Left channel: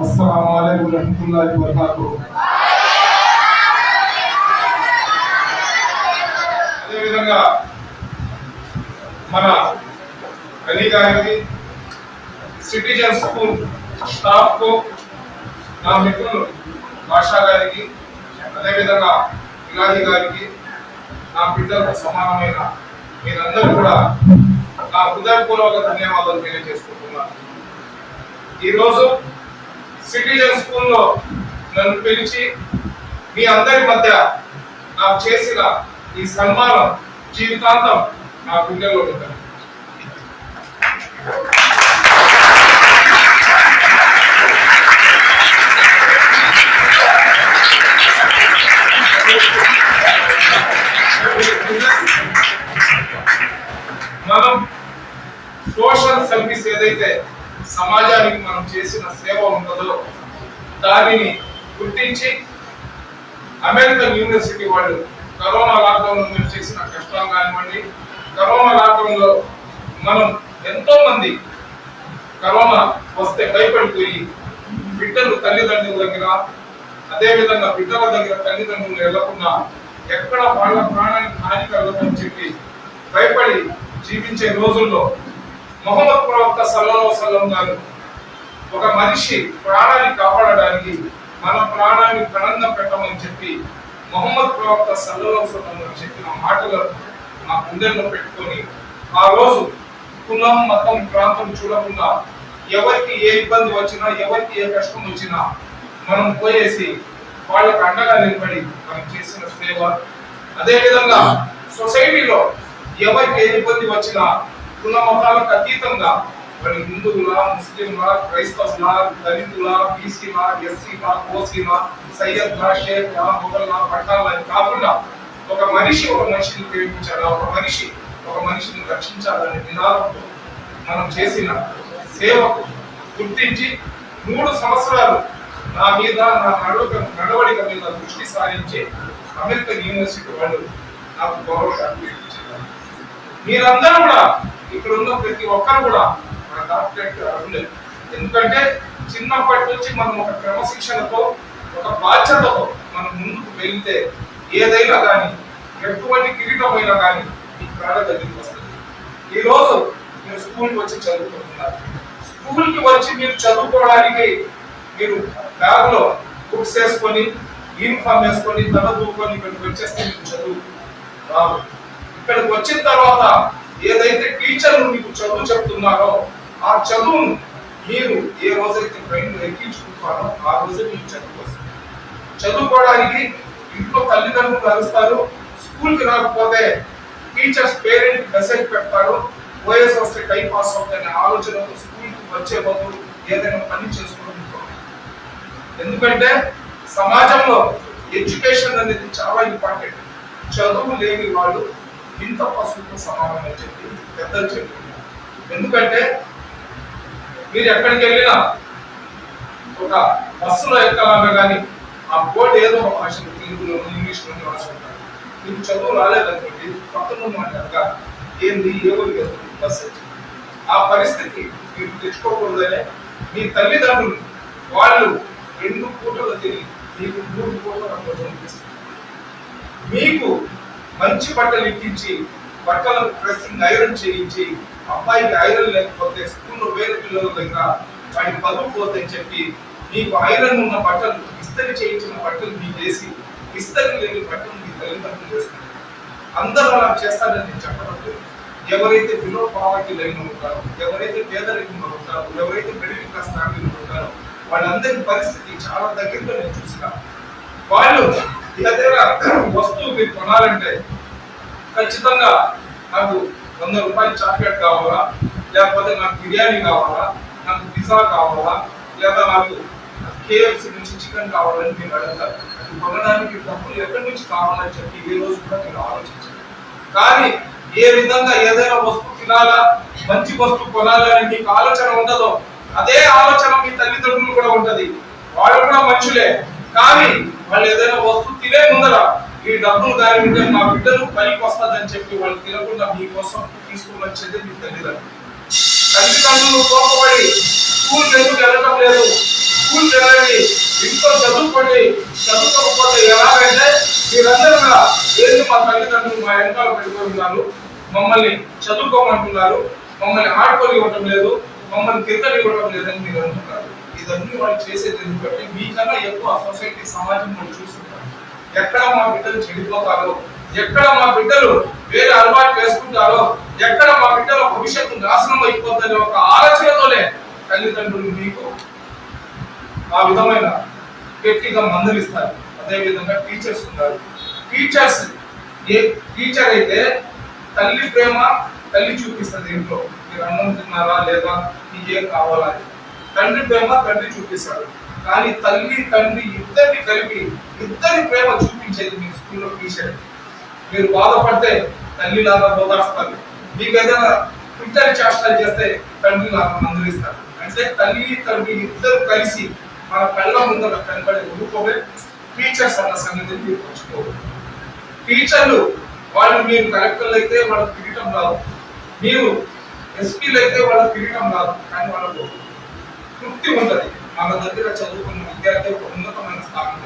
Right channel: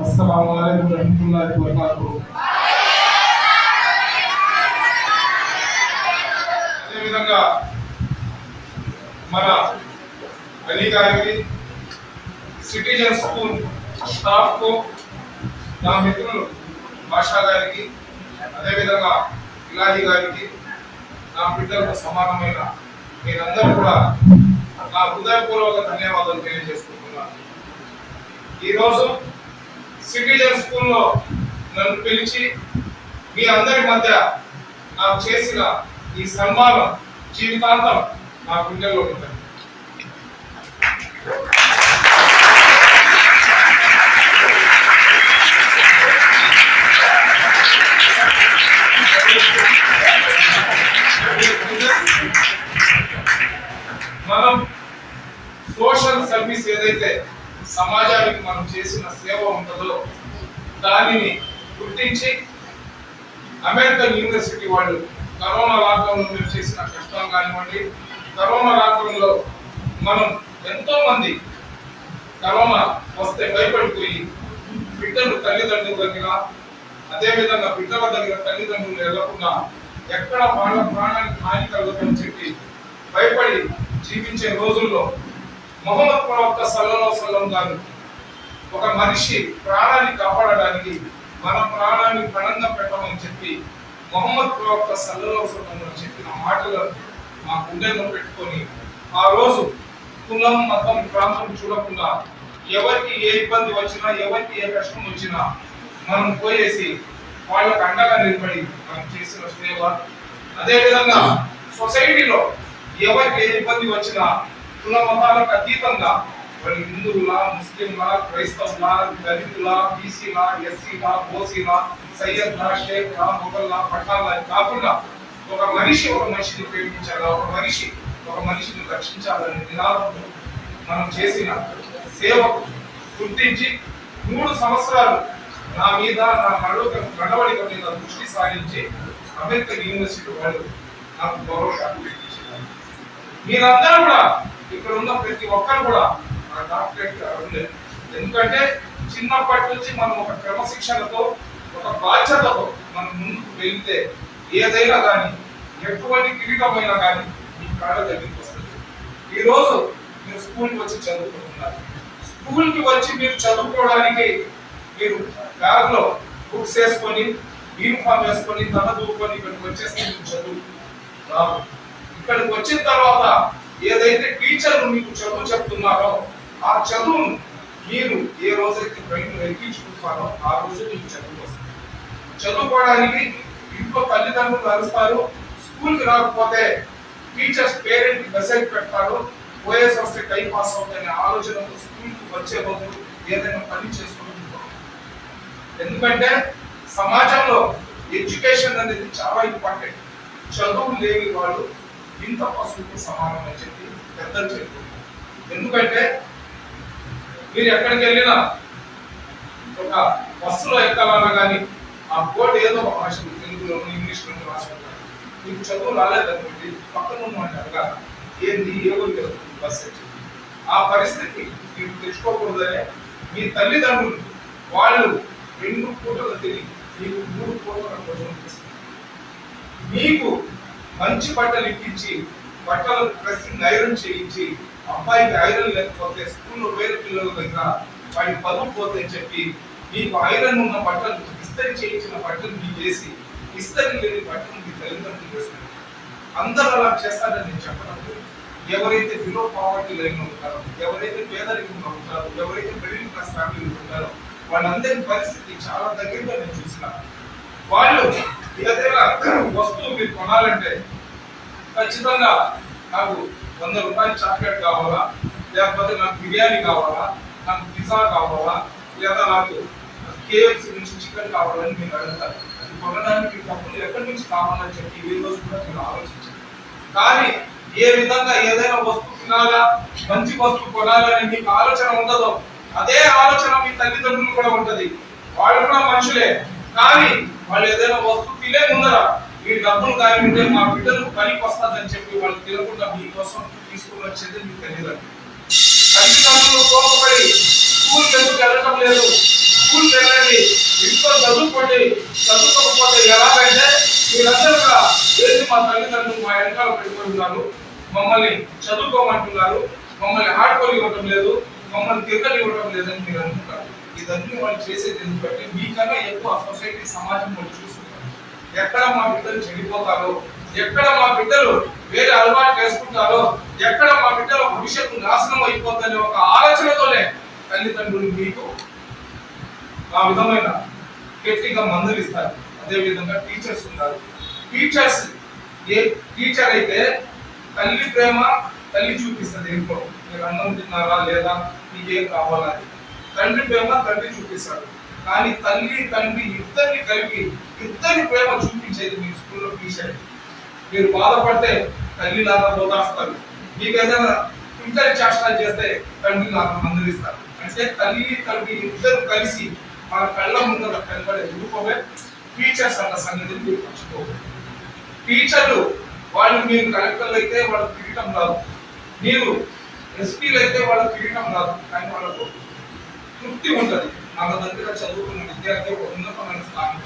అస్సలాము అలైకుం రహమతుల్లాహి వబరకాతుహు అదేవిధంగా మన అలీ గారికి సిటిజన్ స్కూల్ స్టాఫ్కు నా మిత్రులు భాషా గారికి అదేవిధంగా ఇలాది గారికి నా బిడ్డలకు సమానమైన మీరందరూ కూడా ఆ హృదయపూర్వక ధన్యవాదాలు తెలియజేసుకుంటున్నాను. ఈరోజు సిటిజన్ స్కూల్లో నన్ను పిలిచి మీ అందరి మధ్య నాకు చేసిన ఈ సన్మానం జీవితాంతం నా గుండెల్లో ఉంటుంది. కల్పిస్తే ఏదైతే సమాజానికి మనం చేసిన సేవ ఉంటుందో దానిని గుర్తించి అమెరికన్ యూనివర్సిటీ వాళ్ళు కరోనా లాక్డౌన్లో మేము చేసిన కష్టాలు కానివ్వండి కరోనా లాక్డౌన్లో మనం ఎంతో మంది కరోనా వస్తే భయపడిపోయి బిడ్డలు తల్లిదండ్రుల దగ్గర అదేవిధంగా బిడ్డల దగ్గర తల్లిదండ్రులు వెళ్ళకుండా ఎక్కడ వాళ్ళ ప్రాణానికి హాని కలుగుతుందని చెప్పి భయపడి జీవించే రోజుల్లో మొహమ్మద్ ప్రవక్త సల్లలో సల్లం గారు ఒక మనిషి ప్రాణాన్ని కాపాడడానికి మన ప్రాణాన్ని ప్రణంగా పెట్టమని చెప్పి మొహమ్మద్ ప్రవక్త సల్లలో సల్లం గారు చెప్పిన మాటలు మా గుండెల్లో పెట్టుకొని ఆ రోజు కులం మతం ప్రాంతం చూడకుండా ఎవరికి ఏ ఇబ్బంది వచ్చినా ఎవరికి ఏ కష్టం వచ్చినా మనం పోయేసి వాళ్ళకు అండగా నిలబడి మనం చేసిన సేవ. అదే విధంగా సొసైటీలో ఎవరికి ఏ ఇబ్బంది వచ్చినా కుల మతాలకు అతీతంగా మరి హిందువులా ముస్లింలా క్రైస్తవులా దళితులా బీసీలా ఎస్సీలా ఓసీలా సయ్యద్లా షేఖ్లా మొగల్ల పట్టాల కాకుండా ఒక మనిషి ఒక మనిషిని ప్రేమించాలా? ఒక మనిషి ఒక మనిషిని రక్షించాలనే నినాదంతో మనం చేసిన సేవకు గుర్తించి మూడు సంవత్సరాలు నా మీద నా నడవక నడవడిక మీద దృష్టి సారించి అమెరికన్ యూనివర్సిటీ వాళ్ళు నాకు గౌరవ మీరందరూ కూడా ఇక్కడ ఉన్న ప్రతి ఒక్కరు కూడా నా డాక్టరేట్ ఎందుకంటే చిన్నప్పటి నుంచి మనం ఒక క్రమశిక్షణతో ఒక బాధ్యతతో మనం ముందుకు వెళ్తే ఏదైనా కానీ ఎటువంటి కిరీటమైనా కానీ ఈ కళ దగ్గరికి వస్తుంది. ఈ రోజు మీరు స్కూల్కి వచ్చి చదువుకుంటున్నారు. స్కూల్కి వచ్చి మీరు చదువుకోవడానికి మీరు బ్యాగ్లో బుక్స్ వేసుకొని యూనిఫామ్ వేసుకొని తల దూకొని ఇక్కడికి వచ్చేస్తే మీరు చదువు రాదు ఇక్కడికి వచ్చిన తర్వాత ఏదైతే టీచర్లు మీకు చదువు చెప్తున్నారో ఆ చదువును మీరు ఏ రోజైతే బయట ఎక్కించుకుంటారో ఆ రోజు మీకు చదువు వస్తుంది. చదువుకోవడానికి ఇంట్లో తల్లిదండ్రులు కలుస్తారు స్కూల్కి రాకపోతే టీచర్స్ పేరెంట్ మెసేజ్ పెడతారు ఓఎస్ వస్తే టైం పాస్ అవుతుందనే ఆలోచనతో స్కూల్కి వచ్చే బదులు ఏదైనా పని చేసుకోవడం ఎందుకంటే సమాజంలో ఎడ్యుకేషన్ అనేది చాలా ఇంపార్టెంట్. చదువు లేని వాళ్ళు ఇంత పశువులకు సమానం అని చెప్పి పెద్దలు చెప్పారు ఎందుకంటే మీరు ఎక్కడికి వెళ్ళినా ఒక బస్సులో ఎక్కాలన్నా కానీ ఆ బోర్డు ఏదో ఒక భాష తెలుగులో ఇంగ్లీష్లో రాసి ఉంటారు మీకు చదువు రాలేదనుకోండి పక్కన మాట్లాడగా ఏంది ఏదో వెళ్తుంది బస్సు ఆ పరిస్థితి మీరు తెచ్చుకోకూడదనే మీ తల్లిదండ్రులు వాళ్ళు రెండు పూటలు తిరిగి మీకు మూడు పూటలు మీకు మంచి బట్టలు ఇప్పించి బట్టలు డ్రెస్సింగ్ ఐరన్ చేయించి అబ్బాయికి ఐరన్ లేకపోతే స్కూల్లో వేరే పిల్లల దగ్గర వాడి పదుపు పోతాయని చెప్పి మీకు ఐరన్ ఉన్న బట్టలు ఇస్తరి చేయించిన బట్టలు మీకు వేసి ఇస్తరి లేని బట్టలు మీ తల్లిదండ్రులు వేస్తారు. అందరూ అలా చేస్తారని నేను చెప్పడం ఎవరైతే బిలో పావర్టీ లైన్ ఉంటారో ఎవరైతే పేదరికంలో ఉంటారో ఎవరైతే మిడిల్ క్లాస్ ఫ్యామిలీలో ఉంటారో వాళ్ళందరి పరిస్థితి చాలా దగ్గరగా నేను చూసిన. వాళ్ళు ఏదైనా వస్తువు మీరు కొనాలంటే ఖచ్చితంగా నాకు వంద రూపాయలు చాక్లెట్ కావాలా? లేకపోతే నాకు బిర్యానీ కావాలా? నాకు పిజ్జా కావాలా? లేదా నాకు కేఎఫ్సి నుంచి చికెన్ కావాలని మీరు అడుగుతారు. కొనడానికి డబ్బులు ఎక్కడి నుంచి కావాలని చెప్పి ఏ రోజు కూడా నేను ఆలోచించాను కానీ ఏ విధంగా ఏదైనా వస్తువు తినాలా? మంచి వస్తువు కొనాలని మీకు ఆలోచన ఉండదో అదే ఆలోచన మీ తల్లిదండ్రులు కూడా ఉంటది. వాళ్ళు కూడా మనుషులే. కానీ వాళ్ళు ఏదైనా వస్తువు తినే ముందర ఈ డబ్బులు కానివ్వంటే మా బిడ్డలు పనికి వస్తుందని చెప్పి వాళ్ళు తినకుండా మీకోసం తీసుకున్న చర్యలు మీకు తెలియదు తల్లిదండ్రులు కోపపడి స్కూల్ ఎందుకు వెళ్ళటం లేదు? స్కూల్ వెళ్ళండి. ఇంట్లో చదువుకోండి. చదువుకోకపోతే ఎలాగంటే మీరందరూ కూడా ఏంటి మా తల్లిదండ్రులు మా వెనకాల పెట్టుకుంటున్నారు మమ్మల్ని చదువుకోమంటున్నారు. మమ్మల్ని ఆడుకొని ఇవ్వటం లేదు. మమ్మల్ని తిరగని ఇవ్వటం లేదని మీరు అంటున్నారు ఇదన్నీ వాళ్ళు చేసేది ఎందుకంటే మీకన్నా ఎక్కువ సొసైటీ సమాజం మనం చూస్తుంటారు. ఎక్కడ మా బిడ్డలు చెడిపోతారో ఎక్కడ మా బిడ్డలు వేరే అలవాటు వేసుకుంటారో ఎక్కడ మా బిడ్డల భవిష్యత్తు నాశనం అయిపోతుందనే ఒక ఆలోచనతోనే తల్లిదండ్రులు మీకు ఆ విధమైన గట్టిగా మందలిస్తారు అదేవిధంగా టీచర్స్ ఉన్నారు. టీచర్స్ ఏ టీచర్ అయితే తల్లి ప్రేమ తల్లి చూపిస్తుంది ఇంట్లో. మీరు అన్నం తిన్నారా లేదా? నీకేం కావాలా? తండ్రి ప్రేమ తండ్రి చూపిస్తాడు. కానీ తల్లి తండ్రి ఇద్దరిని కలిపి ఇద్దరి ప్రేమ చూపించేది మీ స్కూల్లో టీచర్. మీరు బాధపడితే తల్లి లాగా బోధాస్తారు మీకు ఇంటర్ చేష్టలు చేస్తే తండ్రి లాగా మందలిస్తారు. అంటే తల్లి తండ్రి ఇద్దరు కలిసి మన కళ్ళ ముందర కనపడే రూపమే టీచర్స్ అన్న సంగతిని మీరు టీచర్లు వాళ్ళు మీరు కలెక్టర్లు అయితే వాళ్ళకి కిరీటం రాదు. మీరు ఎస్పీలు అయితే వాళ్ళకి కిరీటం రాదు. కానీ వాళ్ళకు తృప్తి ఉంటుంది. మన దగ్గర చదువుకున్న విద్యార్థి ఒక ఉన్నతమైన స్థానంలో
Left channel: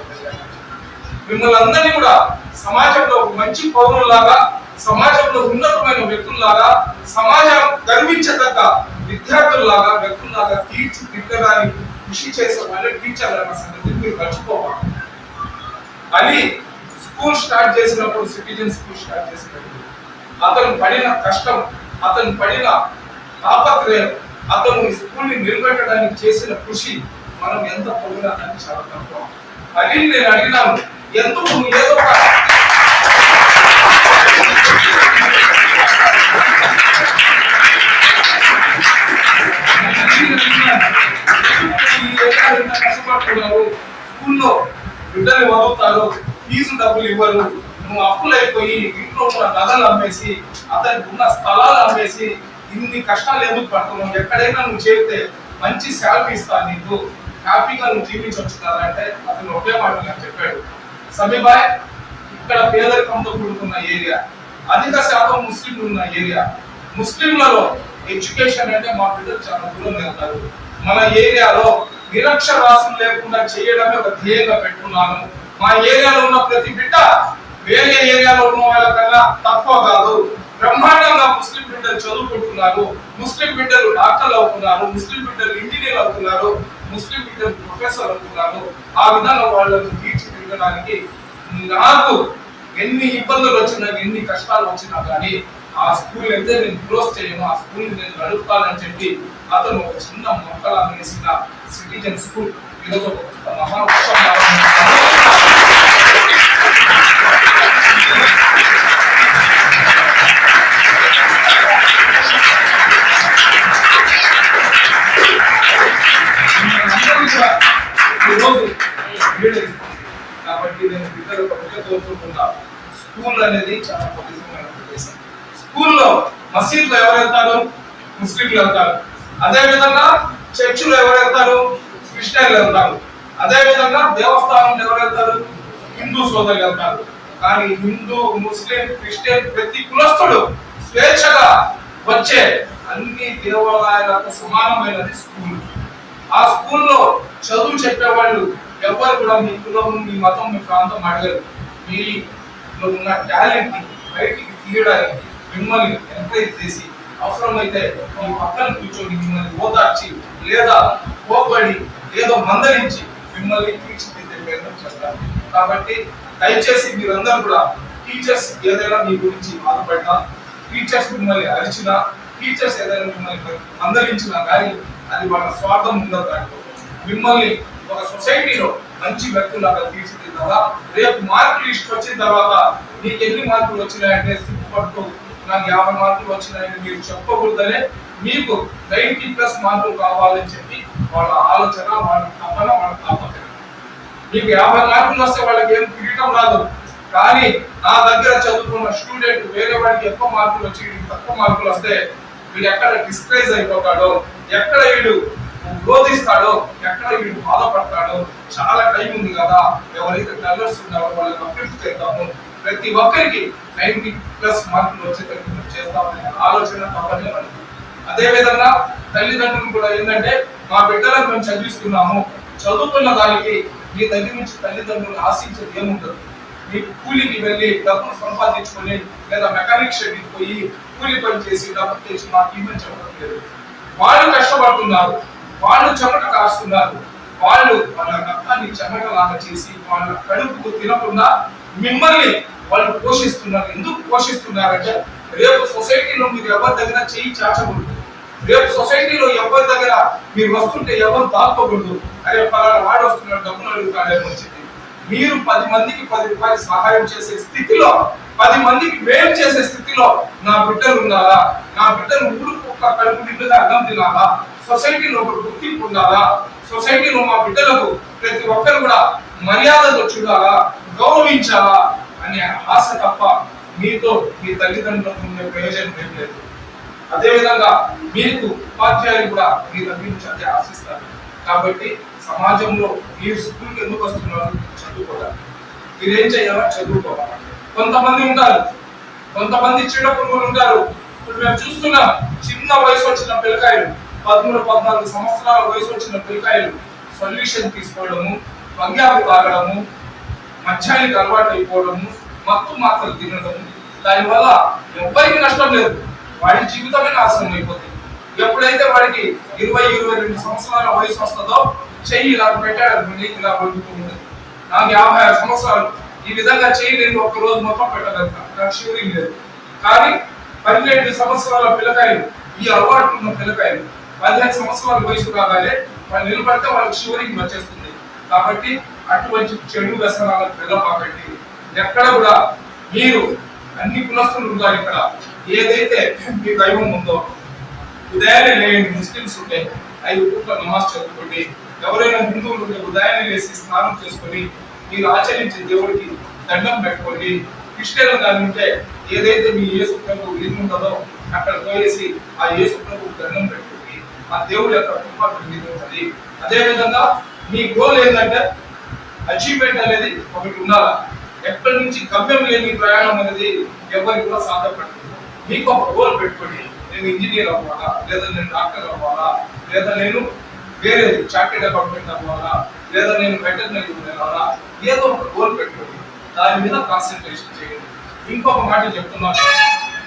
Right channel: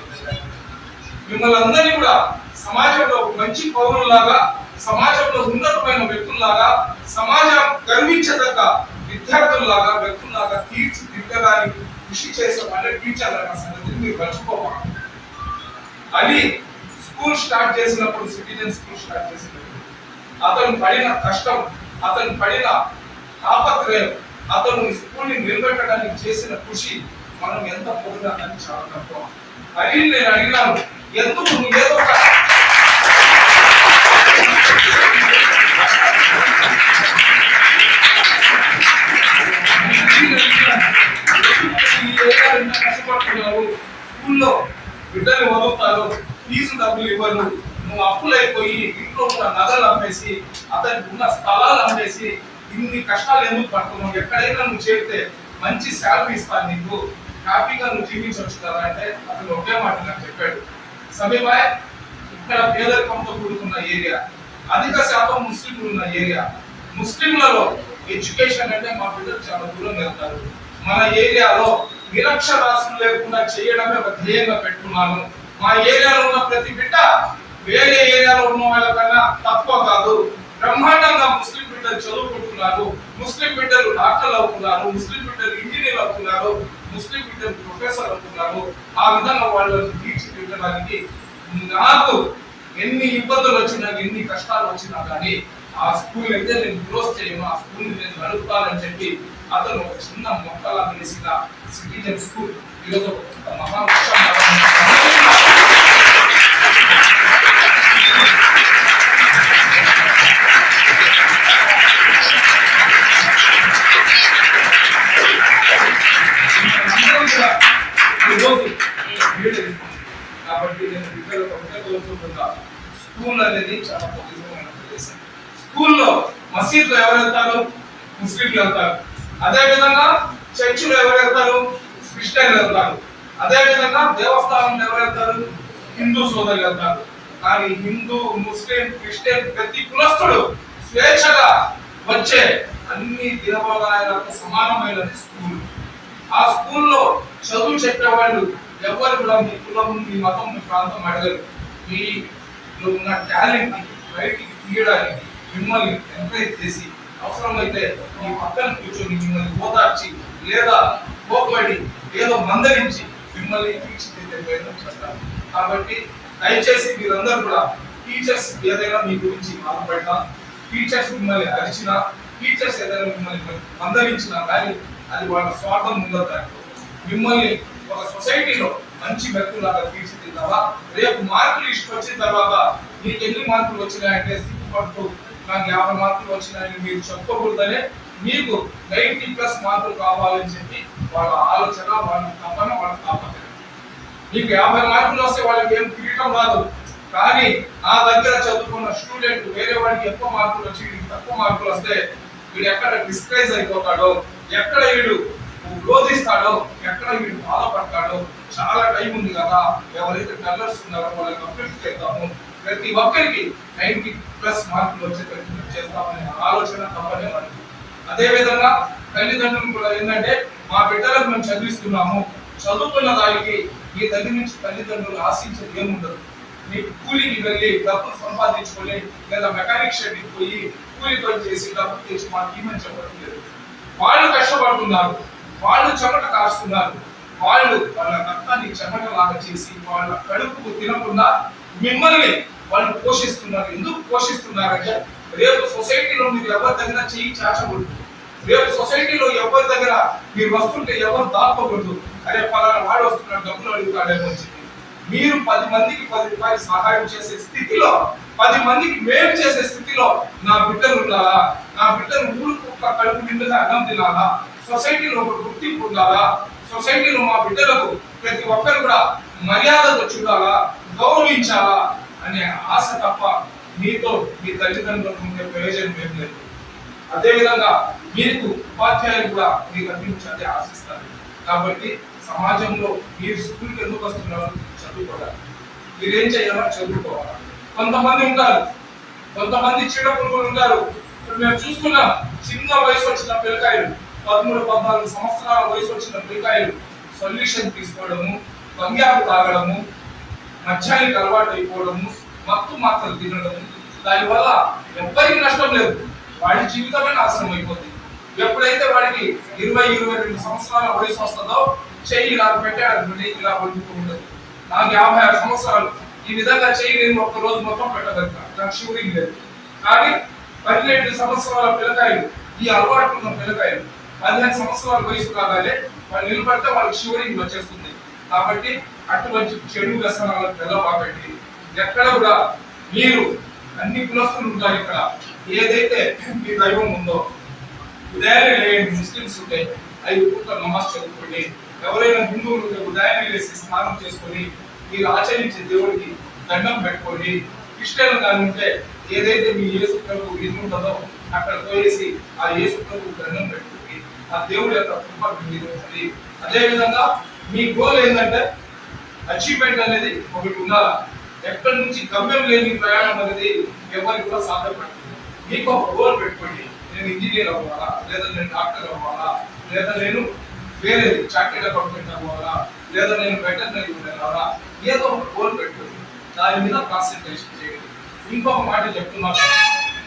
మిమ్మల్ని అందరినీ కూడా సమాజంలో మంచి పౌరులాగా సమాజంలో ఉన్నతమైన వ్యక్తుల్లాగా సమాజం గర్వించదగ్గ విద్యార్థుల్లాగా వ్యక్తుల్లాగా తీర్చిదిద్దడానికి కృషి చేసే వాళ్ళ టీచర్లు అన్న సంగతి మీరు మర్చిపోవాలి అని స్కూల్ స్టార్ట్ చేసినప్పుడు సిటిజన్ స్కూల్ స్టార్ట్ చేసినప్పుడు అతను పడిన కష్టం అతను పడిన తాపత్రయం అతను ఈ స్కూల్ని నిలబెట్టడానికి చేసిన కృషి మనం ఎంత పొగినా చాలా తక్కువ అని నేను అడిగినాను ఎందుకు ఏదో కష్టపడుతున్నారు స్కూల్లో బిడ్డలు వదులుతారు ఫీజు డబ్బులు ఇవ్వరు నువ్వు అప్పులు అయిపోయి ఇంట్లో ఉన్న నగలు అమ్మేసి అతనికి ఉన్న స్థలాలు అమ్మేసి ఇన్ని కష్టాలు ఎందుకు పడుతున్నావు? ఎక్కడైనా నువ్వు చేస్తే మంచి శాలరీ ఇస్తాను నీకు. హ్యాపీగా నువ్వు జీవించవచ్చు కదా అంటే అతను ఒకే మాట నాకు చెప్పాడు. సమీబాయ్ ఇక్కడ పేదరికంతో కూడుకున్న ఏరియా. అధిక శాతం ముస్లింలు ఉన్న ఏరియా. ముస్లింలలో ఎడ్యుకేషన్ అంటే మా పిల్లలు చాలా దూరం వెళ్తారు. మన ఏరియాలో నిరక్షరాస్యం లేకుండా చేయడమే ఒక ధ్యేయంగా పెట్టుకున్నాను మా ఏరియాలో ఉన్న ప్రతి బిడ్డ వేరే ఏరియాలో ఉన్న వాళ్ళకన్నా తక్కువ కాదు. బ్రహ్మాండంగా ముస్లిం బిడ్డలు చదువుకుంటున్నారు ముస్లిం బిడ్డలు డాక్టర్లు అవుతున్నారు ముస్లిం బిడ్డలు ఇంజనీర్ అవుతున్నారు ముస్లిం బిడ్డలు ప్రొఫెసర్ అవుతున్నారు. ఆ విధంగా వాళ్ళని తీర్చిదిద్దడానికి నాకు ఎన్ని ఇబ్బందులు వచ్చినా ఎన్ని కష్టాలు వచ్చినా కానీ ఆ స్కూల్ అయితే నేను క్లోజ్ చేయను. ఆ స్కూల్ నేను నడుపుతానని చెప్పి అతను ఒక చిన్న మొక్కలా వేసిన సిటిజన్ స్కూల్ ఈరోజు ఒక మహా కాబట్టి నేను బిడ్డలు ఒకటే కోరుకుంటున్నా స్కూల్ అనేది చాలా ప్రత్యేకమైన ప్రదేశం. స్కూల్లో మసీద్లో ఎవరు వెళ్తారు ముస్లింలు వెళ్తారు. అదే విధంగా చర్చిలో ఎవరు వెళ్తారు క్రిస్టియన్లు వెళ్తారు. అదే విధంగా దేవస్థానంలో ఎవరు వెళ్తారు హిందూ సోదరులు వెళ్తారు. కానీ హిందూ ముస్లిం క్రిస్టియన్ ప్రతి కులస్తుడు స్వేచ్ఛగా వచ్చే అన్ని దేవాలయాలకు సమానమైనది స్కూల్. ఆ స్కూల్లో చదువు చెప్పేవాళ్ళు ఎవరు కూడా మీ కులము మీ మతం మీ ప్రాంతం అడగరు. మీలో ఉన్న టాలెంట్ బయటికి తీయడానికి మిమ్మల్ని ఎంకరేజ్ చేసి అవసరమైతే మీ పక్కన కూర్చొని మిమ్మల్ని ఓదార్చి లేదా కోపడి ఏదో మందరించి మిమ్మల్ని తీర్చిదిద్దే ప్రయత్నం చేస్తారు. కాబట్టి దయచేసి మీరందరూ కూడా టీచర్స్ ఏదైనా మీ గురించి బాధపడినా టీచర్స్ మిమ్మల్ని అరిచినా టీచర్స్ ఏదైనా మిమ్మల్ని మందలించినా కానీ అది వాళ్ళ స్వార్థం ఉందో దాంట్లో మిమ్మల్ని ఒక సొసైటీలో మంచి వ్యక్తులాగా తీర్చిదిద్దాలా రేపు మార్కులు ఇష్టం వచ్చిన తర్వాత నీకు ఎన్ని మార్కులు వచ్చినాయంటే సిగ్గుపడుతూ నాకు యాభై మార్కులు వచ్చినాయని మీరు చెప్పకూడదనే మీకు నైన్టీ ప్లస్ మార్కులు కావాలని చెప్పి వాళ్ళ ఆలోచన వాళ్ళ తపన వాళ్ళ తాపత్రయం. మీకు యాభై మార్కులు వస్తే వాళ్ళకి ఏం కిరీటం రాదు. కానీ నా దగ్గర చదువుకున్న స్టూడెంట్ వేరే వాడికి ఎక్కువ మార్కులు వచ్చి తక్కువ మార్కులు వస్తే వీడు ఎక్కడ డిస్క్రైజ్ అయిపోతాడో ఎక్కడ వీడు రోధిస్తాడో ఎక్కడ వీడు బాధపడతాడో చాలా టైం ఉంది కదా. ఎవరైతే టెల్లర్స్ ఉన్నారో వాళ్ళకి అప్లిఫ్ట్ చేద్దాము. ప్రతి ఒక్కరికి నైన్టీ ప్లస్ మార్కులు వచ్చేటట్టు చేస్తామనే ఆలోచన తప్పనే మనకి అదే విధంగా తల్లిదండ్రులు కూడా ఏంటంటే మా బిడ్డలను మేము చదివిస్తున్నాము. చదువుకున్న దానికి మీ దగ్గర నుంచి తల్లిదండ్రులు ఆశించేది ఏముండదు. మీ కూలికి వెళ్ళి డబ్బులు సంపాదించుకొని లేదా మెకానిక్ షెడ్కి పోయి కూలి పని చేసి డబ్బు తెచ్చి మాకు ఇవ్వని చెప్పడం లేదు వాళ్ళు కష్టపడుతున్నారు. వాళ్ళు చెమట కాస్తున్నారు. వాళ్ళు వాళ్ళ రక్తాన్ని చెమటలాగా చేసి వాళ్ళ కడుపుకు తినకుండా మిమ్మల్ని వాళ్ళు పోషిస్తున్నారు. ఎందుకు పోషిస్తున్నారంటే రేపు సొసైటీలో మీరు ఎవరి దగ్గర చేయి చాచకూడదు. రేపు సొసైటీలో ఎవరి దగ్గర మీరు వస్తుంటే ఎవరు దాక్కోకూడదు. అరే పలానా వాడు వస్తున్నాడు డబ్బులు అడుగుతాడేమో అని చెప్పి. మీరు పది మందికి పది రూపాయలు సహాయం చేసే స్థితిలో పది మందికి మేలు చేసే స్థితిలో నా బిడ్డలు ఉన్నారా నా బిడ్డలు ఊరు ఒక కడుపు నిండుగా అన్నం తినాలా? సొసైటీలో ఒక గుర్తింపు ఉండాలా? సొసైటీలో మా బిడ్డలకు ప్రతి ఒక్కరు కూడా మర్యాదలు చూడాలా? గౌరవించాలా? అనే ఆశ తప్ప మీతో మీ తల్లిదండ్రులకు ఉండే ప్రయోజనం ఏం లేదు. అదేవిధంగా మీకు ఉపాధ్యాయులు కూడా మీరు లభించాలని ఆశిస్తారు. కాబట్టి సమాజంలో మీరు స్కూల్కి ఎందుకు వస్తున్నారు? చదువుకోవాలి. మీరేం చేయాలో చదువుకోవాలి. కొంతమంది ఉంటారు. కొంతమంది చిన్న పురుగులు ఉంటారు. ఇప్పుడు మేము చూస్తున్నాం చిన్న వయసు వచ్చిన పిల్లకాయలు. పదమూడు పద్నాలుగు సంవత్సరాల వయసు వచ్చిన పిల్లకాయలు సొల్యూషన్ తీసుకోవడము బంగారు తాగడము మధ్యాహ్నానికి అలవాటు అయిపోవడము మత్తు మాత్రలు తినడము. దానివల్ల ఎవరికి నష్టం లేదు. వాడి జీవితమే నాశనం అయిపోతుంది. ఎప్పుడైతే వాడికి ఇరవై ఇరవై రెండు సంవత్సరాల వయసు వస్తుందో చెయ్యి ఇలా పెట్టాడు ఇలా పండుతుంది నాకు యాభై ఆరు సంవత్సరాలు. ఈ విధంగా చెయ్యి నేను ఒక రోజు మొత్తం పెట్టగలుగుతా. నాకు షూరింగ్ లేదు. కానీ పన్నెండు సంవత్సరాల పిల్లకాయలు ఈ అలవాటు ఉన్న పిల్లకాయలు పదిహేను సంవత్సరాల వయసు రాగానే వాళ్ళు నిలబడితే వాళ్ళకి షూరింగ్ వచ్చేస్తుంది. కాబట్టి అటువంటి చెడు వ్యసనాలకు వెళ్ళబాకండి. ఎక్కడ కూడా మీరు అన్ని కులస్తులు ఉంటారు ఇక్కడ. ఏదైతే మీ దైవం ఉందో ఉదయాన్నే లేని ముస్లిమ్స్ ఉంటే ఐదు పూట నమాజ్ చదువుకోండి. ఎవరైనా హిందువులు ఉంటే ఉదయాన్నే లేసి స్నానం చేసుకొని మీరు ఆచరించే దేవుడికి దండం పెట్టుకోండి. క్రిస్టియన్లు కానీ ఉంటే ఏదైతే మీ యేసు ప్రభు ఉంటుందో అక్కడ పోయేసి ఆ యేసు ప్రభు దండం పెట్టుకోండి. ఆ దేవుడు యొక్క కృప ఉంటుంది. అదేవిధంగా మీ గోల్ ఏంటంటే అచీవ్మెంట్ అనేది ఒకటి ఉండాలా? ఎక్కడి నుంచి గమ్యం లేని ప్రయాణం అనేది ఎవరికి కూడా సాధ్యపడుతుంది మీకు ఒక గోల్ పెట్టుకోండి. నేను ఇంజనీర్ అవ్వాలా? లేదా నేను డాక్టర్ అవ్వాలా? లేదా నేను వేరేది చార్టెడ్ అకౌంటెంట్ అవ్వాలా? లేదా నేను వెటర్నరీ వెళ్ళాలా? ఏదో ఒక గోల్ పెట్టుకోండి. దాని మీద కాన్సన్ట్రేషన్ చేయండి. ఇంకొక మాట చెప్తున్నాను.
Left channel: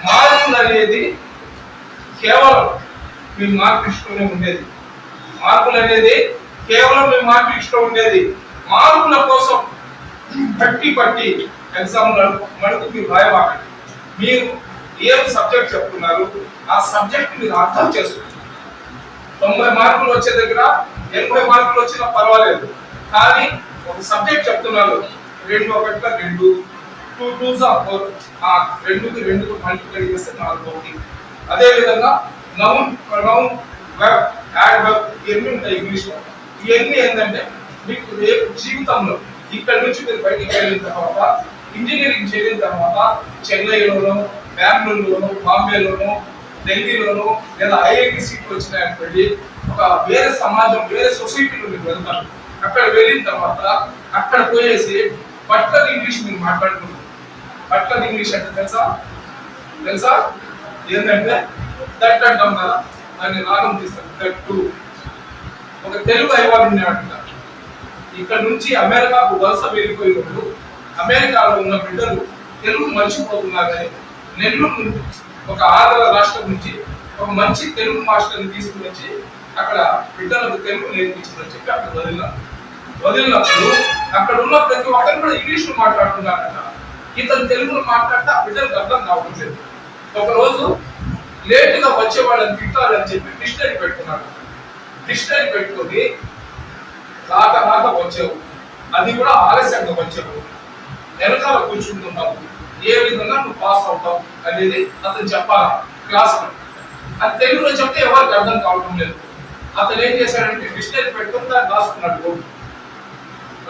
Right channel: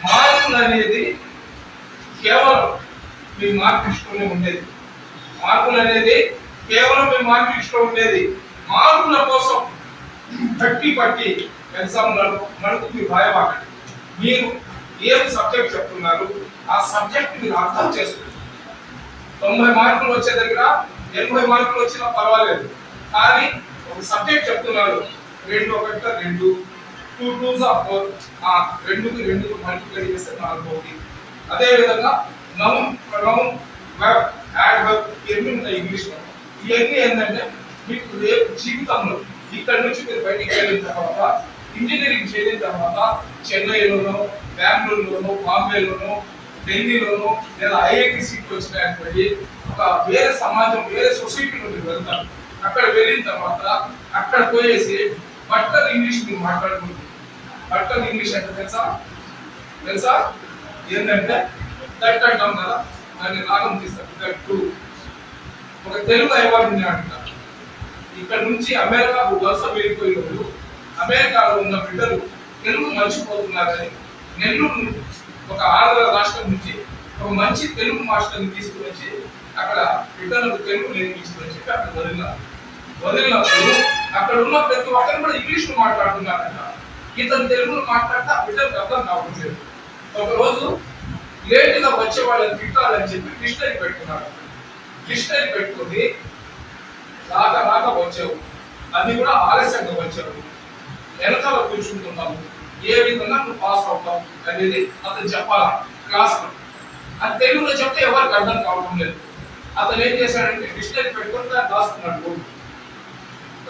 మార్పులు అనేది కేవలం మీ మార్పు ఇష్టమే ఉండేది. మార్పులు అనేది కేవలం మీ మార్పు ఇష్టం ఉండేది. మార్పుల కోసం పట్టి పట్టి ఎగ్జామ్లలో మనకు మీరు భయపడండి మీరు ఏం సబ్జెక్ట్ చెప్తున్నారు? ఆ సబ్జెక్ట్ మీరు అర్థం చేసుకుంటారు తొంభై మార్కులు వచ్చే దగ్గర ఎనభై మార్కులు వచ్చినా పర్వాలేదు. కానీ ఒక సబ్జెక్ట్ చెప్తున్నారు. రెండు ఒకటి రెండు టూ టూ ఫోర్. ఆ రెండుకి రెండుకి మల్టిప్లై చేస్తే నాలుగు ఒకటి. అదేవిధంగా noun pronoun verb adverb ఇవన్నీ ఉంటాయి ఇంగ్లీష్లో ఇవన్నీ ఏంటంటే మీకు రేపు జీవితంలో ఇక్కడ నుంచి మీరు బయటికి వెళ్ళిన తర్వాత ఇంజనీరింగ్ చేసిన తర్వాత చెన్నైలోనో బెంగళూరులోనో బాంబేలోనో ఢిల్లీలోను లేదా ఐఐటి సీట్ వచ్చినాయనుకోండి ఒక వేరే సమాజం వేరే సొసైటీలో మీరు వెళ్తారు. అక్కడ వెళ్ళిన తర్వాత అక్కడ పోయేసి బట్టర్ ఇంగ్లీష్ మీరు మాట్లాడుకుంటారు. బట్టర్ ఇంగ్లీష్ అంటే తెలుసా? తెలుసా? ఏంటంటే దట్ అంటాం కదా దాన్ని రాగం తీస్తారు. దట్టు ఒక తెలుగు అయ్యవాడిని అంట ఇక్కడ నుంచి అమెరికాకు వలస వెళ్ళిపోయినప్పుడు అమెరికాలో ఉన్న బిడ్డలు తెలుగు మర్చిపోతున్నారని నెల్లూరు ఒక ఆంధ్ర రాష్ట్రం నుంచి ఒక మంచి తెలుగు మాస్టర్ని తీసుకుని వచ్చి అక్కడ బిడ్డలకు తెలుగు నేర్పించమని చెప్పి అక్కడ వదిలినారు. వదిలినప్పుడు అక్కడ ఉన్న ప్రతి ఒక్కరు కూడా ఇంగ్లీష్లో మాట్లాడుతున్నారంట. ఇతను తెలుగులో మాట్లాడితే ఆ బిడ్డలకు అర్థం కావట్లేదు. ఒకరోజు లేటుగా లేట్గా వచ్చే వాళ్ళని తిట్టాలని చెప్పి డిక్షనరీ పెట్టుకున్నాను. డిక్షనరీ పెట్టుకొని రాక రాక వచ్చావు అది కూడా ఆలస్యంగా వచ్చావు వెనకాల కూర్చుంటున్నావు. ఏ విధంగా నువ్వు పాస్ అవుతావు అనేది అతను చెప్పాలా? క్లాస్ అది తెలుగులో చెప్తే ఎవరికి అర్థం కావడం లేదు. అతను ఏం చేశాడంటే డిక్షనరీ పెట్టుకుని దాన్ని రాసుకున్నాడు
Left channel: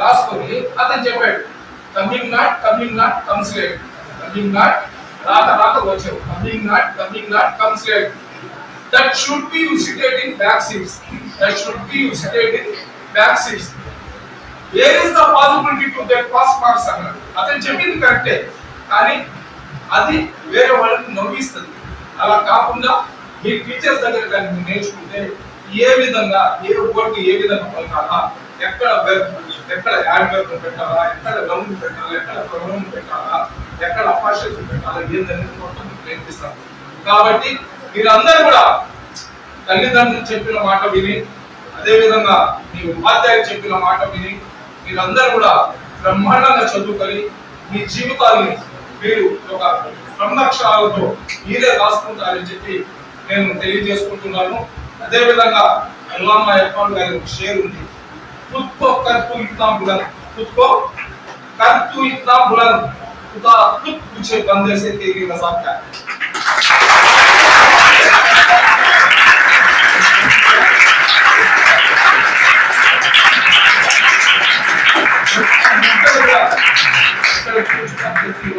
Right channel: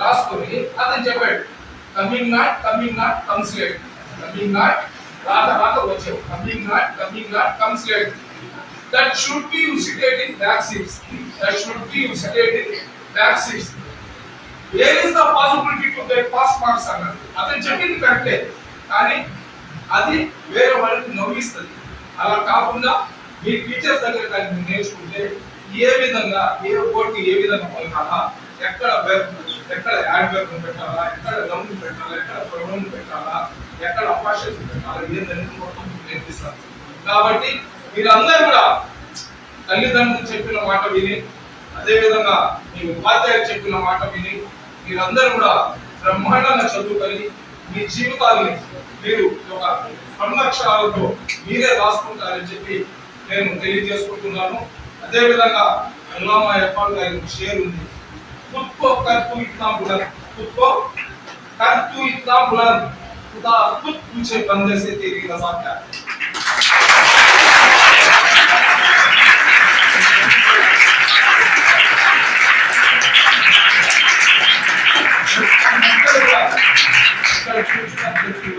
రాసుకొని అతను చెప్పాడు coming not coming not comes late coming not రాక రాక వచ్చావు coming not coming not comes late that should be you seated in back seats that should be you seated in back seats where is the possibility to get pass marks అన్నారు అతను చెప్పింది కరెక్టే. కానీ అది వేరే వాళ్ళకి నవ్విస్తుంది. అలా కాకుండా మీ టీచర్స్ దగ్గర కానీ నేర్చుకుంటే ఏ విధంగా ఏ వర్డ్ ఏ విధంగా పలకాలా? ఎక్కడ వెబ్ ఎక్కడ యాడ్ వెబ్ పెట్టాలా? ఎక్కడ లౌంజ్ పెట్టాలా? ఎక్కడ ప్రొడమ్ పెట్టాలా? ఎక్కడ అపాషన్స్ పెట్టాలా ఏంటనేది మొత్తం మీకు నేర్పిస్తాను కాబట్టి మీరందరూ కూడా తల్లిదండ్రులు చెప్పిన మాట విని అదే విధంగా మీ ఉపాధ్యాయులు చెప్పిన మాట విని మీరందరూ కూడా బ్రహ్మాండంగా చదువుకొని మీ జీవితాన్ని మీరు ఒక సంరక్షణాలతో మీరే రాసుకుంటారని చెప్పి నేను తెలియజేసుకుంటున్నాను అదే విధంగా అల్లామా ఇక్బాల్ గారి ఒక షేర్ ఉంది खुद को कर तू इतना बुलंद खुद को कर तू इतना बुलंद खुदा खुद पूछे बंदे से तेरी रजा क्या है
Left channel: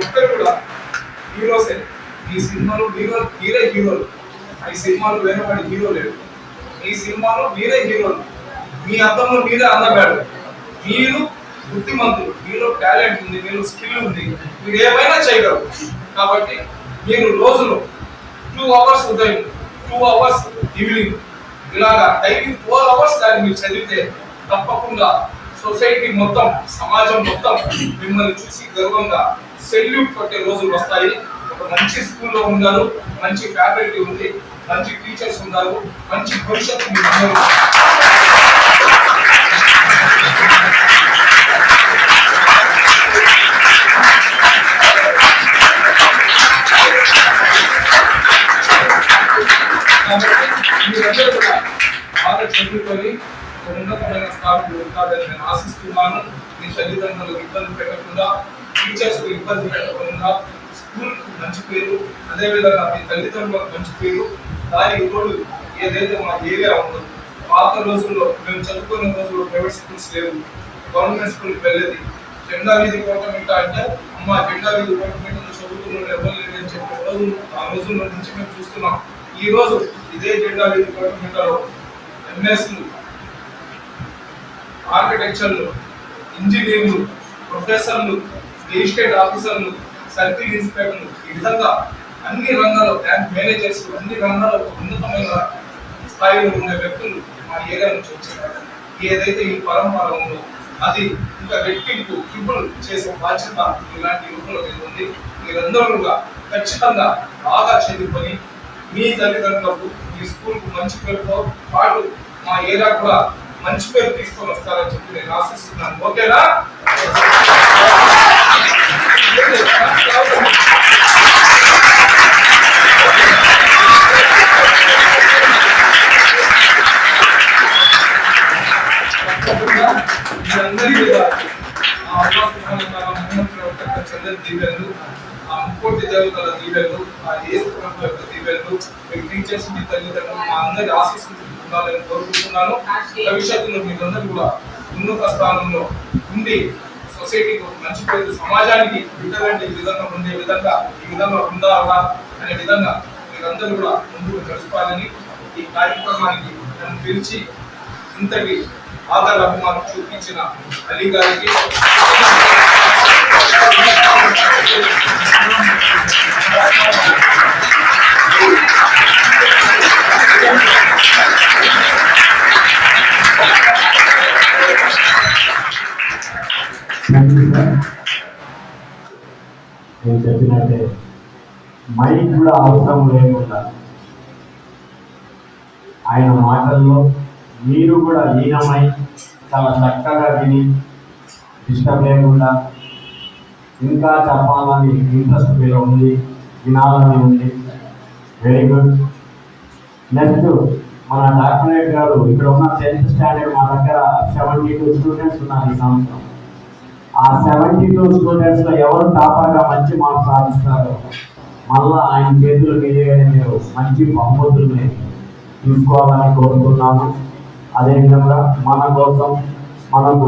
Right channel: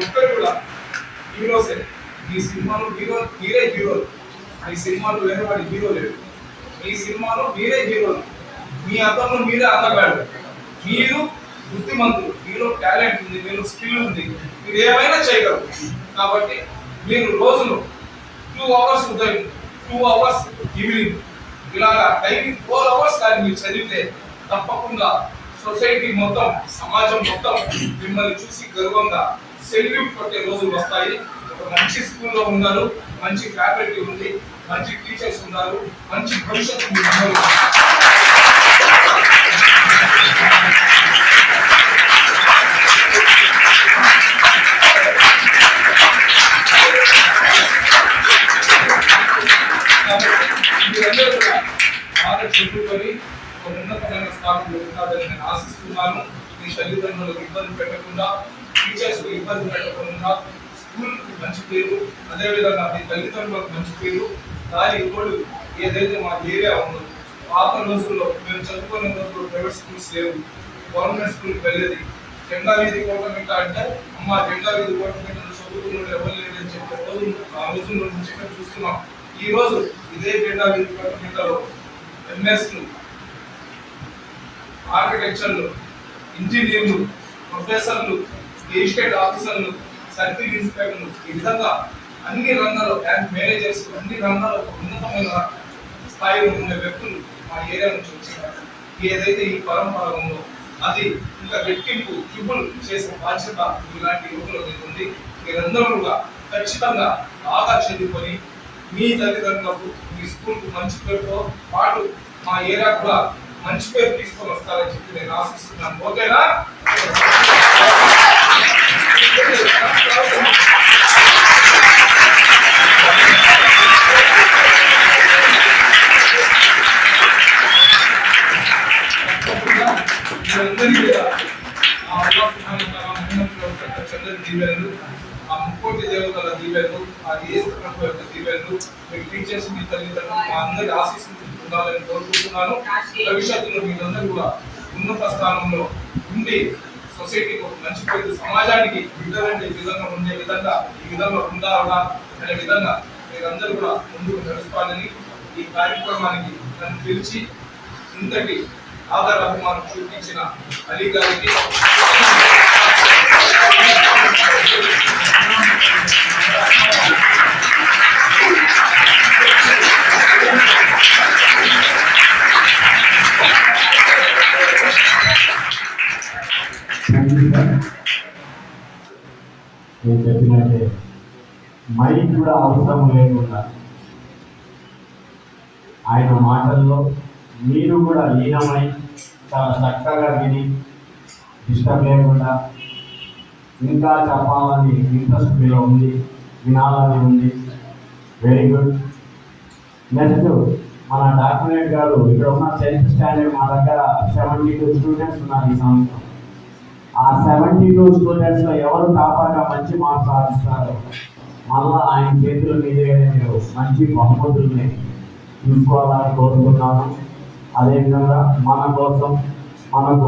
ఒక్కరు కూడా హీరోసే ఈ సినిమాలో హీరో మీరే హీరోలు ఈ సినిమాలో వేరే వాడి హీరో లేడు ఈ సినిమాలో మీరే హీరోలు మీ అర్థంలో మీరే అందగాడు మీరు బుద్ధిమంతులు మీలో టాలెంట్ ఉంది మీరు స్కిల్ ఉంది. మీరు ఏమైనా చేయగలరు. కాబట్టి మీరు రోజును టూ అవర్స్ ఉదయం టూ అవర్స్ ఈవినింగ్ ఇలాగా డైలీ ఫోర్ అవర్స్ దాన్ని మీరు చదివితే తప్పకుండా సొసైటీ మొత్తం సమాజం మొత్తం మిమ్మల్ని చూసి గర్వంగా సెల్యూట్ కొట్టే రోజులు వస్తాయి. ఒక మంచి స్కూల్లో ఉన్నారు మంచి ఫ్యాకల్టీ ఉంది మంచి టీచర్స్ ఉన్నారు మంచి భవిష్యత్తు మీరందరూ కూడా బాగా చదువుకొని ఉన్నతమైన స్థానంలో ఉంటారని నేను ఆశిస్తున్నాను మీ తల్లిదండ్రులకు ఇబ్బంది పెట్టకుండా టీచర్స్ ఇబ్బంది పెట్టకుండా స్కూల్ మంచి పేరు అదే విధంగా మీ తల్లిదండ్రులకు మంచి పేరు దాని ఇప్పుడు ఏదైతే మా ఏరియా ఉందో పాత రోజుల్లో మేము చదువుకునే రోజుల్లో ప్రైవేట్ స్కూల్స్ లేవు గవర్నమెంట్ స్కూల్కి వెళ్ళేది జెండా వీధి గవర్నమెంట్ అంటే అమ్మ జెండా వీధి గవర్నమెంట్ చదువుకున్న ఎవరు లేదని చెప్పే రోజు ఆ రోజుల్లో నుంచి మేము చూస్తున్నాం ఈ రోజు ఇదే జెండా వీధి గవర్నమెంట్ ఎంఎస్లు ఆర్కిటెక్చర్లు ఇంజనీర్లు ప్రొఫెసర్లు ఎస్టేట్ ఆఫీసర్లు సర్కిల్ ఇన్స్పెక్టర్లు ఈ విధంగా అన్ని రంగాల్లో బ్యాంక్ మేనేజర్స్ అన్ని రంగాల్లో ఉన్నతమైన స్థాయిలో ఉన్న వ్యక్తులు మా ఏరియా నుంచి వచ్చారు ఏదైతే ఈ పరంపర ఉందో అది ఇంకా రెట్టింపు ట్రిపుల్ చేసే బాధ్యత ఇలాంటి యువకులు ఉంది. మీరందరూ కూడా ఖచ్చితంగా బాగా చదువుకొని మీ తల్లిదండ్రులకు ఈ స్కూల్కు మంచి పేరుతో పాటు మా ఏరియా కూడా మంచి పేరు తీసుకొని వస్తారని చెప్పి నేను ఆశిస్తున్నాను. ఓకేనా? మీరందరికీ ఆ ముక్కోటి దేవతల దీవెనలు ఆ ఏ యొక్క వెళ్తూ మీ టీచర్స్ మీ తల్లిదండ్రులు మా అందరి ఆశీస్సులు ఉండాలని కోరుకుంటున్నాను. భవిష్యత్తులో మీరందరూ కూడా ఉన్నత స్థానంలో ఉండి సొసైటీకి ఒక మంచి పేరు సమాజానికి బిడ్డలండి ఈ విధంగా ఉండే విధంగా ఈ విధంగా ఉండాలా అనే విధంగా మీరందరూ కూడా ముందుకు నడుచుకోవాలని ఈ కార్యక్రమానికి నన్ను పిలిచి ఇంతటి ఆదర అభిమానం చూపించిన అలీ గారికి కూడా అవసరం లేకుండా. ఆయన మాటల్లో మీరు కూడా లీనమై చాలా చక్కగా విని డిస్టర్బ్ లేకుండా ఇంకా చెప్పాలని ఇంట్రెస్ట్ మీలో ఉంది వినాలని ఉంది. వెరీ గుడ్ నెక్స్ట్ మన డాక్టరేట్ గారు ఇక్కడ ఉన్న టెన్త్ స్టాండర్డ్ మా దగ్గర సెవెంటీ టూ స్టూడెంట్స్ ఉన్నారు ఈ సంవత్సరం. ఆ సెవెంటీ టూ స్టూడెంట్స్లో ఎవరు టాపర్గా మంచి మార్క్స్ సాధిస్తారో మళ్ళా ఆయన చేతులు మీదే మీరు మంచి బహుమతుల్ని తీసుకోవాలని కోరుతున్నాను అదేవిధంగా మన కోసం మనకు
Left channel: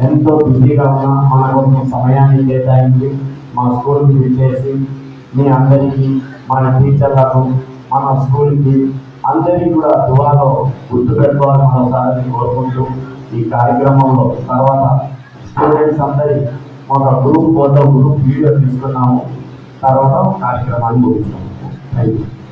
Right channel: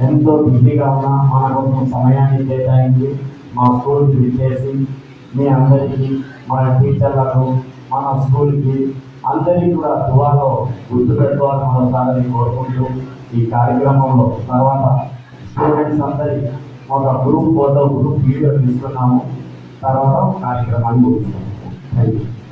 ఎంతో బిజీగా ఉన్న మన కోసం సమయాన్ని కేటాయించి మా స్కూల్కి విచ్చేసి మీ అందరికీ మన టీచర్లకు మన స్కూల్కి అందరికీ కూడా దువాలో గుర్తుపెట్టుకోవాలని మరోసారి కోరుకుంటూ ఈ కార్యక్రమంలో తర్వాత స్టూడెంట్స్ అందరి ఒక గ్రూప్ ఫోటో గ్రూప్ వీడియో తీసుకున్నాము. తర్వాత కార్యక్రమాన్ని ముగించాం థ్యాంక్ యూ